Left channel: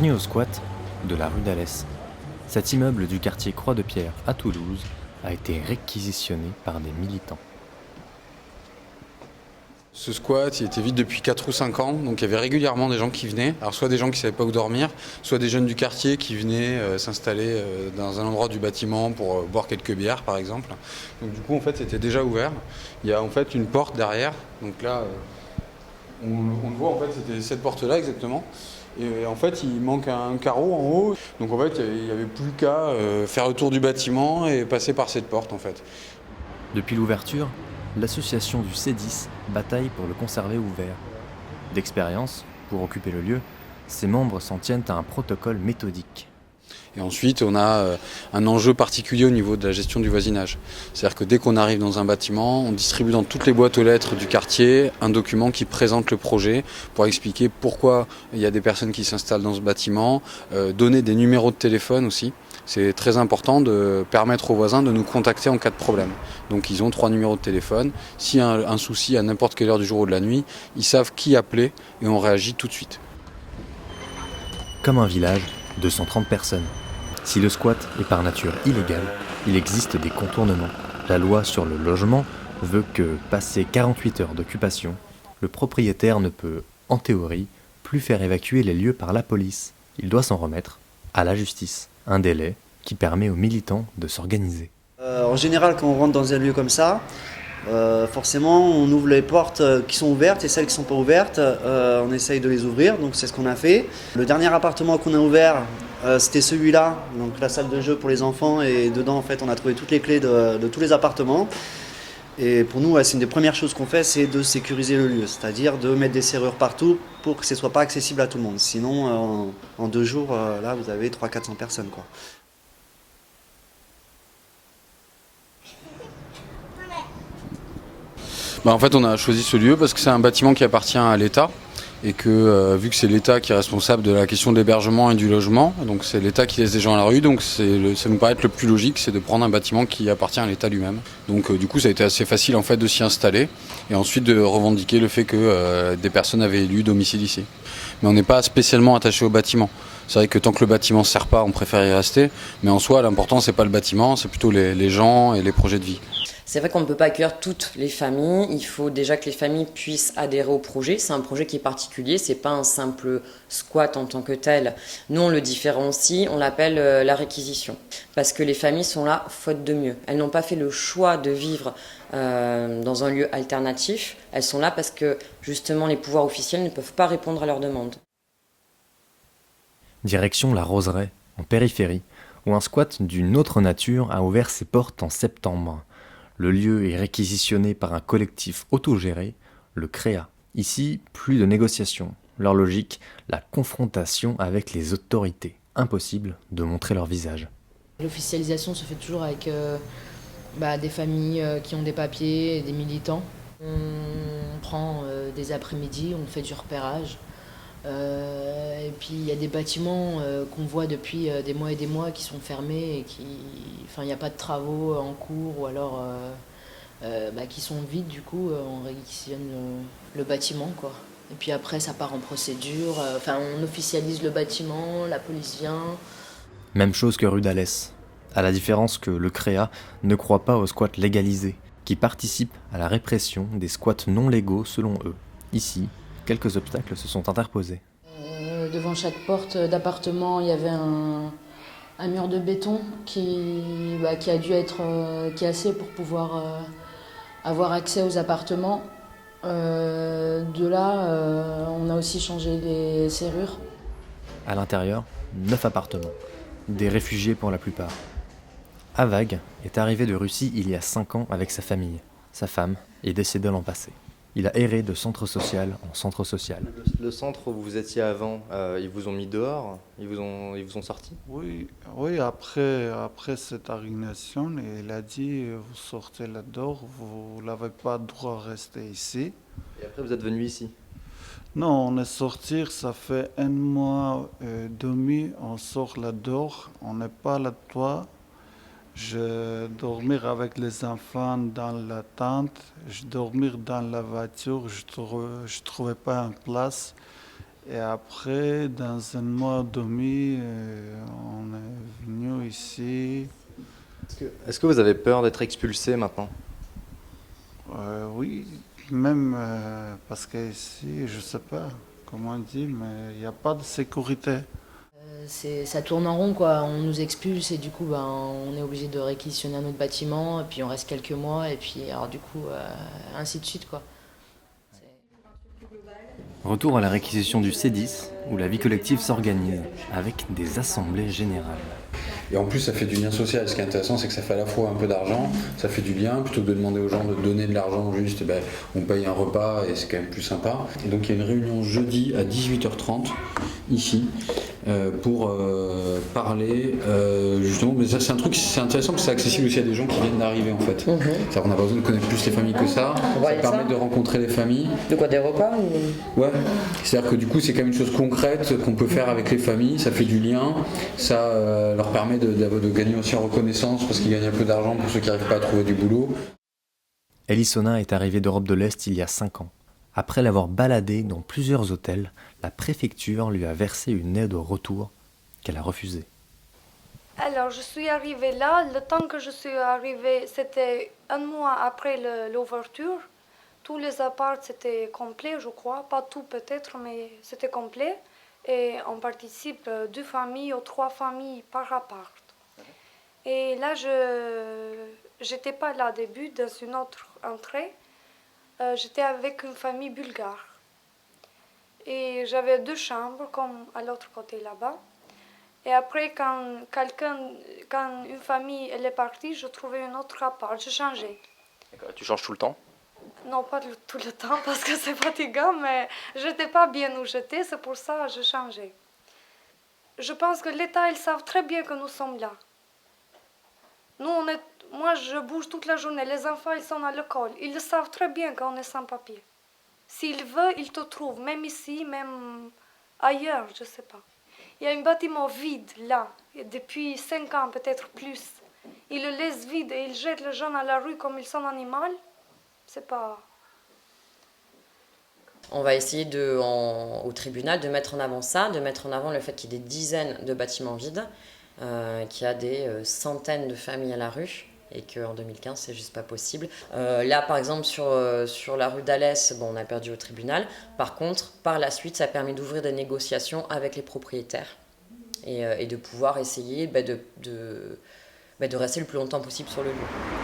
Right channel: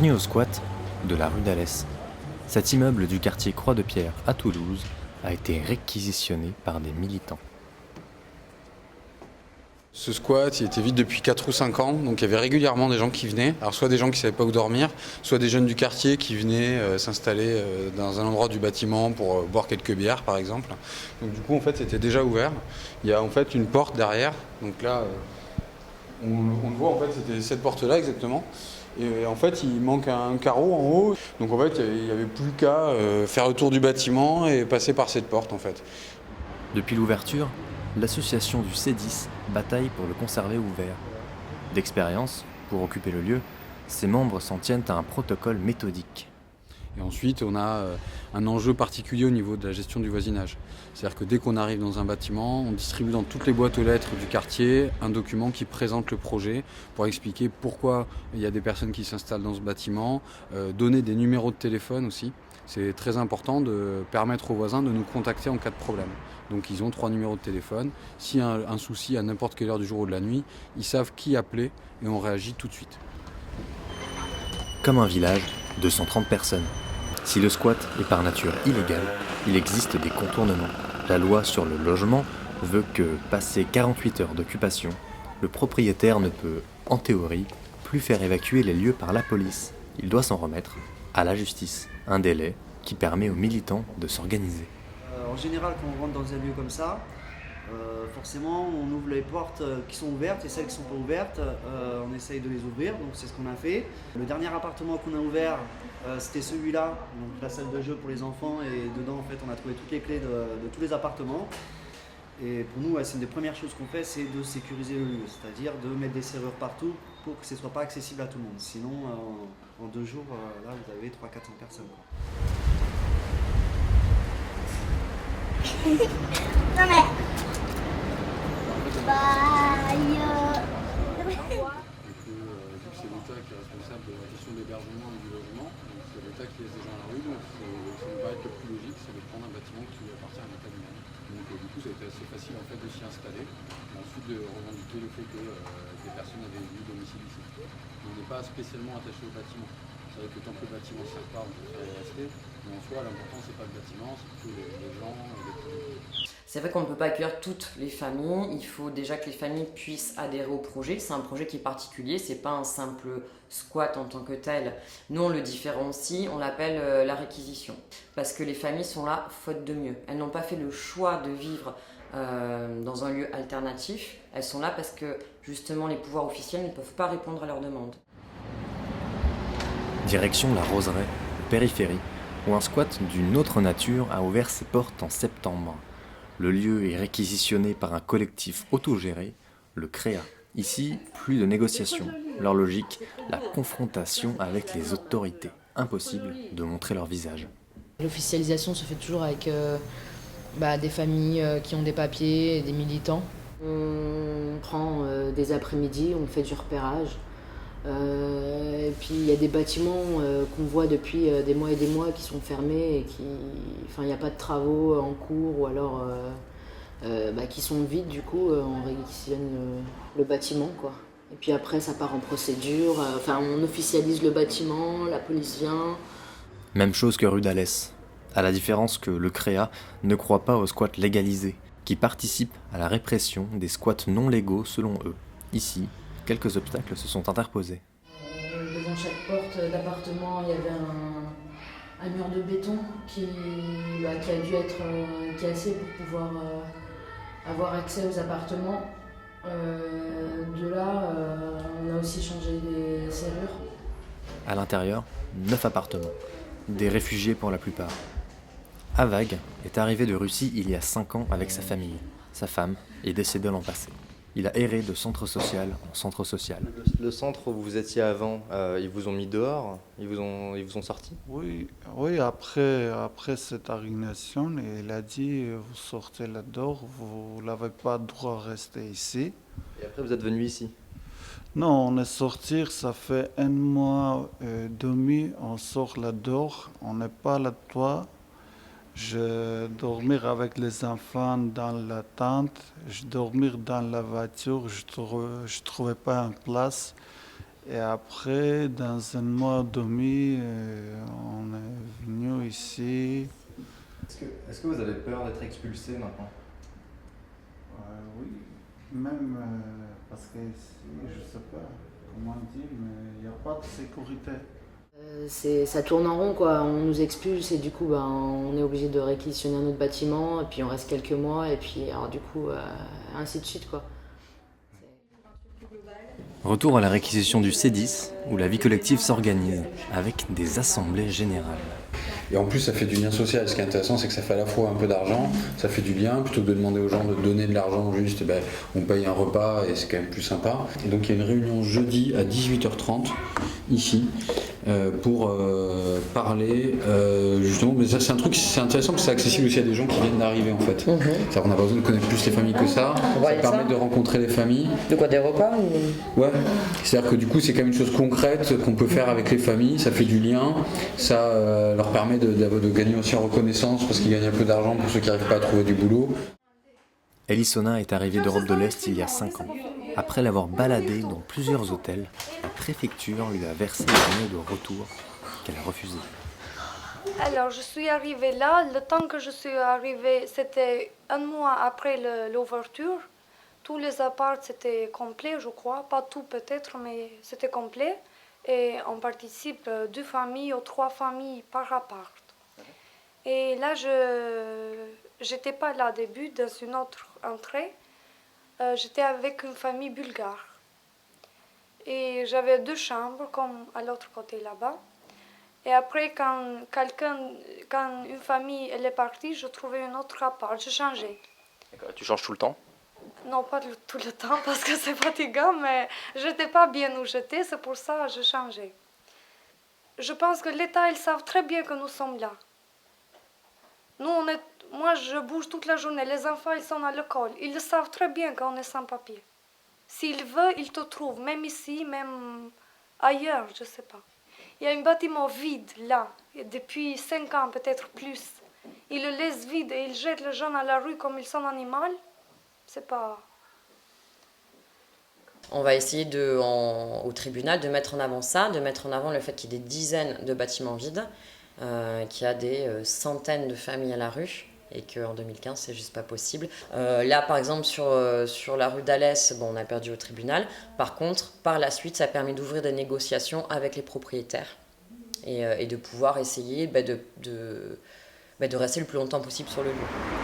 Bienvenue au squat de la rue d'Alès. Cet immeuble du quartier Croix-de-Pierre à Toulouse a été réquisitionné par des militants. Ce squat, il était vide depuis 4 ou 5 ans, donc il y avait régulièrement des gens qui venaient. Alors soit des gens qui ne savaient pas où dormir, soit des jeunes du quartier qui venaient s'installer dans un endroit du bâtiment pour boire quelques bières par exemple. Donc du coup en fait c'était déjà ouvert. Il y a en fait une porte derrière, donc là on le voit en fait c'était cette porte là exactement. Et en fait il manque un carreau en haut, donc en fait il n'y avait plus qu'à faire le tour du bâtiment et passer par cette porte en fait. Depuis l'ouverture, l'association du C10 bataille pour le conserver ouvert. D'expérience, pour occuper le lieu, ses membres s'en tiennent à un protocole méthodique. Et ensuite, on a un enjeu particulier au niveau de la gestion du voisinage. C'est-à-dire que dès qu'on arrive dans un bâtiment, on distribue dans toutes les boîtes aux lettres du quartier un document qui présente le projet pour expliquer pourquoi il y a des personnes qui s'installent dans ce bâtiment, donner des numéros de téléphone aussi. C'est très important de permettre aux voisins de nous contacter en cas de problème. Donc ils ont 3 numéros de téléphone. S'il y a un souci à n'importe quelle heure du jour ou de la nuit, ils savent qui appeler et on réagit tout de suite. Comme un village, 230 personnes. Si le squat est par nature illégal, il existe des contournements. La loi sur le logement veut que, passé 48 heures d'occupation, le propriétaire ne peut, en théorie, plus faire évacuer les lieux par la police. Il doit s'en remettre à la justice, un délai qui permet aux militants de s'organiser. En général, quand on rentre dans un lieu comme ça, forcément, on ouvre les portes qui sont ouvertes et celles qui ne sont pas ouvertes, on essaye de les ouvrir, donc c'est ce qu'on a fait. Le dernier appartement qu'on a ouvert, c'était celui-là, donc la salle de jeu pour les enfants, et dedans, en fait, on a trouvé toutes les clés de tous les appartements. Et pour nous, c'est une des premières choses qu'on fait, c'est de sécuriser le lieu, c'est-à-dire de mettre des serrures partout pour que ce ne soit pas accessible à tout le monde. Sinon, en 2 jours, là, vous avez 300-400 personnes, quoi. En fait, on a choisi ce lieu parce que c'est un bâtiment qui appartient à l'État et que vu que c'est l'État qui est responsable de la question de l'hébergement et du logement, donc c'est l'État qui laisse des gens à la rue, donc ça me paraît être le plus logique, c'est de prendre un bâtiment qui appartient à l'État lui-même. Donc du coup, ça a été assez facile en fait de s'y installer et ensuite de revendiquer le fait que des personnes avaient élu domicile ici. Mais on n'est pas spécialement attaché au bâtiment. C'est vrai que tant que le bâtiment ne sert pas, on préfère y rester, mais en soi, l'important c'est pas le bâtiment, c'est plutôt les gens et les projets de vie. C'est vrai qu'on ne peut pas accueillir toutes les familles. Il faut déjà que les familles puissent adhérer au projet. C'est un projet qui est particulier, c'est pas un simple squat en tant que tel. Nous, on le différencie, on l'appelle la réquisition. Parce que les familles sont là faute de mieux. Elles n'ont pas fait le choix de vivre dans un lieu alternatif. Elles sont là parce que justement les pouvoirs officiels ne peuvent pas répondre à leurs demandes. Direction la Roseraie, en périphérie, où un squat d'une autre nature a ouvert ses portes en septembre. Le lieu est réquisitionné par un collectif autogéré, le CREA. Ici, plus de négociations. Leur logique, la confrontation avec les autorités. Impossible de montrer leur visage. L'officialisation se fait toujours avec des familles qui ont des papiers et des militants. On prend des après-midi, on fait du repérage. Et puis il y a des bâtiments qu'on voit depuis des mois et des mois qui sont fermés et il n'y a pas de travaux en cours ou alors qui sont vides, du coup on réquisitionne le bâtiment, quoi. Et puis après ça part en procédure, on officialise le bâtiment, la police vient. Même chose que rue d'Alès, à la différence que le CREA ne croit pas aux squats légalisés, qui participent à la répression des squats non légaux selon eux. Ici, quelques obstacles se sont interposés. Devant chaque porte d'appartement, il y avait un mur de béton qui a dû être cassé pour pouvoir avoir accès aux appartements. De là, on a aussi changé les serrures. À l'intérieur, 9 appartements, des réfugiés pour la plupart. Avag est arrivé de Russie il y a 5 ans avec sa famille. Sa femme est décédée l'an passé. Il a erré de centre social en centre social. Le centre où vous étiez avant, ils vous ont mis dehors, ils vous ont sorti? Oui, après cette arrestation, il a dit vous sortez là-dehors, vous n'avez pas le droit de rester ici. Et après vous êtes venu ici? Non, on est sorti, ça fait 1 mois et demi, on sort là-dehors, on n'est pas là-dedans. Je dormir avec les enfants dans la tente, je dormir dans la voiture, je trouvais pas une place. Et après, dans un mois et demi, on est venu ici. Est-ce que vous avez peur d'être expulsé maintenant? Oui, même parce qu'ici, je ne sais pas comment dire, mais il n'y a pas de sécurité. Ça tourne en rond, quoi. On nous expulse et du coup on est obligé de réquisitionner un autre bâtiment et puis on reste quelques mois et puis alors du coup ainsi de suite, quoi. Retour à la réquisition du C10, où la vie collective s'organise, avec des assemblées générales. Et en plus, ça fait du lien social. Ce qui est intéressant, c'est que ça fait à la fois un peu d'argent, ça fait du lien, plutôt que de demander aux gens de donner de l'argent juste, on paye un repas et c'est quand même plus sympa. Et donc il y a une réunion jeudi à 18h30, ici, pour parler justement, mais ça c'est un truc, c'est intéressant parce que c'est accessible aussi à des gens qui viennent d'arriver en fait. C'est-à-dire qu'on n'a pas besoin de connaître plus les familles que ça permet de rencontrer les familles. De quoi, des repas ou... Ouais, c'est-à-dire que du coup c'est quand même une chose concrète qu'on peut faire avec les familles, ça fait du lien, ça leur permet de gagner aussi en reconnaissance parce qu'ils gagnent un peu d'argent pour ceux qui n'arrivent pas à trouver du boulot. Elissona est arrivée d'Europe de l'Est il y a 5 ans. Après l'avoir baladée dans plusieurs hôtels, la préfecture lui a versé une aide au retour qu'elle a refusée. Alors, je suis arrivée là. Le temps que je suis arrivée, c'était un mois après l'ouverture. Tous les apparts, c'était complet, je crois. Pas tout peut-être, mais c'était complet. Et on participe 2 familles ou 3 familles par appart. Et là, j'étais pas là au début, dans une autre entrée. J'étais avec une famille bulgare. Et j'avais 2 chambres, comme à l'autre côté là-bas. Et après, quand une famille elle est partie, je trouvais un autre appart, j'ai changé. D'accord. Tu changes tout le temps? Non, pas tout le temps parce que c'est fatigant, mais je n'étais pas bien où j'étais, c'est pour ça que j'ai changé. Je pense que l'État, ils savent très bien que nous sommes là. Moi, je bouge toute la journée, les enfants, ils sont à l'école. Ils le savent très bien qu'on est sans papier. S'ils veulent, ils te trouvent, même ici, même ailleurs, je ne sais pas. Il y a un bâtiment vide là, depuis 5 ans, peut-être plus. Ils le laissent vide et ils jettent les gens à la rue comme ils sont animaux. C'est pas... On va essayer au tribunal de mettre en avant ça, de mettre en avant le fait qu'il y ait des dizaines de bâtiments vides, qu'il y a des centaines de familles à la rue et qu'en 2015, c'est juste pas possible. Là, par exemple, sur la rue d'Alès, on a perdu au tribunal. Par contre, par la suite, ça a permis d'ouvrir des négociations avec les propriétaires et de pouvoir essayer de rester le plus longtemps possible sur le lieu.